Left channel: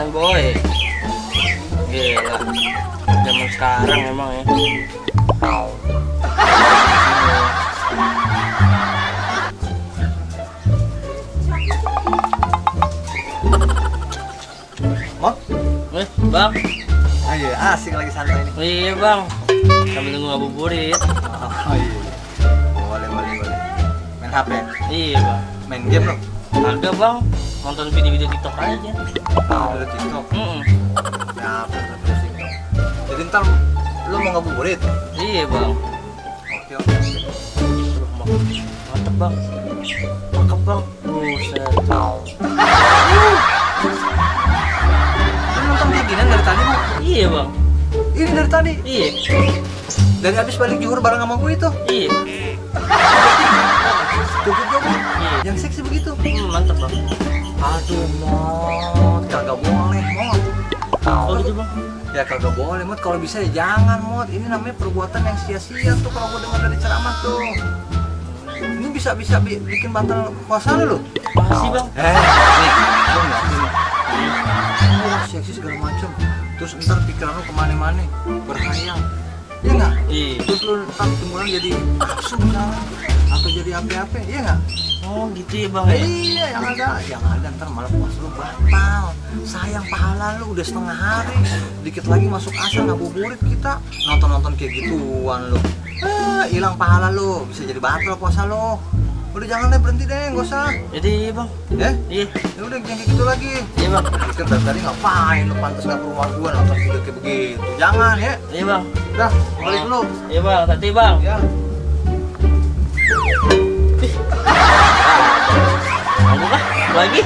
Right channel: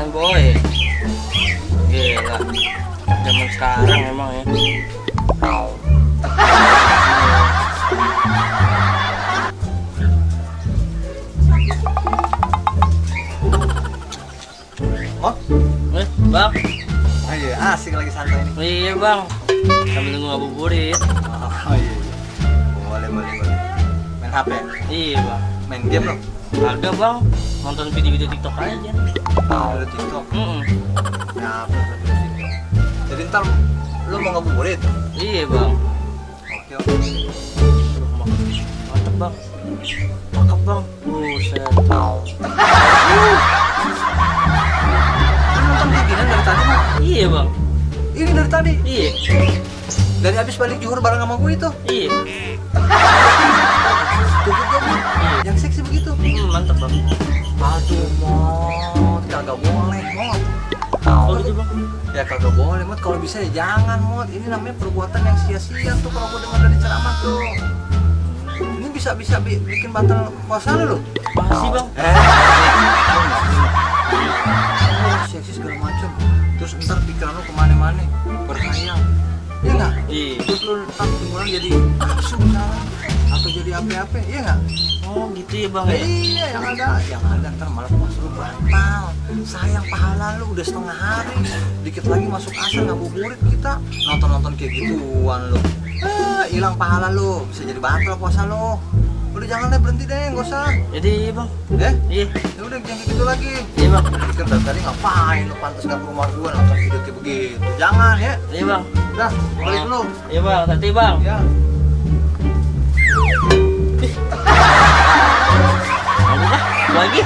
pernikahan boy. Gila, zaman sekarang emang ya. Mau? Bang. Ayo, asik lagi santai nih. Iya bang, sambil nunggu ngabuburit. Oh iya. Boleh. Main HP? Iya bang. Main game lo? Agak bang, nonton video-video TikTok aja. Udah TikTok. Ya, terus TikTok. Jadi ntar lu mau ngabuburit? Iya bang. Oke. Aduh, mantep bang. Cakep bang. Buset. Lu nonton kayak gini dari tadi mau? Iya bang. Ini dari tadi? Iya. Dari abis balik Johor bareng sama gue itu? Iya. Joget-joget? Iya. Yang seksi begitu? Mantep bang. Aduh, Mot, kagak boleh, Mot. Oh gitu bang. Ya kagak boleh, Mot. Kalau bisa ya jangan, Mot. Ini namanya perbuatan yang sia-sia tuh kalau gue dengar dari ceramah tuh. Ini bisa bikin batal puasa lu loh. Makasih bang. Nih, lu nggak ini. Oh, seksi segala macam. Terus ntar pikiran lu kemana-mana, berhayal. Iya nggak? Iya. Terus lu ntar timbulnya jadi nafsu misalnya, atau jadi apa-apa, iya nggak? Oh gitu ya bang ya. Iya, yang ada ntar malah puasa lu batal. Sayang pahala lu udah setengah hari. Dikit lagi masuk asar ngabuburit kita nonton kayak gituan lu. Hilang pahala lu, bisa jadi batal puasa lu. Udah jangan deh, berhenti deh, nggak usah. Jadi bang. Iya. Ya udah jangan kayak gitu lagi. Iya bang. Pikir dari tadi ngapain lu pantas nggak ke rumah gua nonton video kayak begitu. Jangan ya. Iya bang. Udah, balik dulu. Iya bang. Nanti bang. Ya. Tunggu kah? Lagi.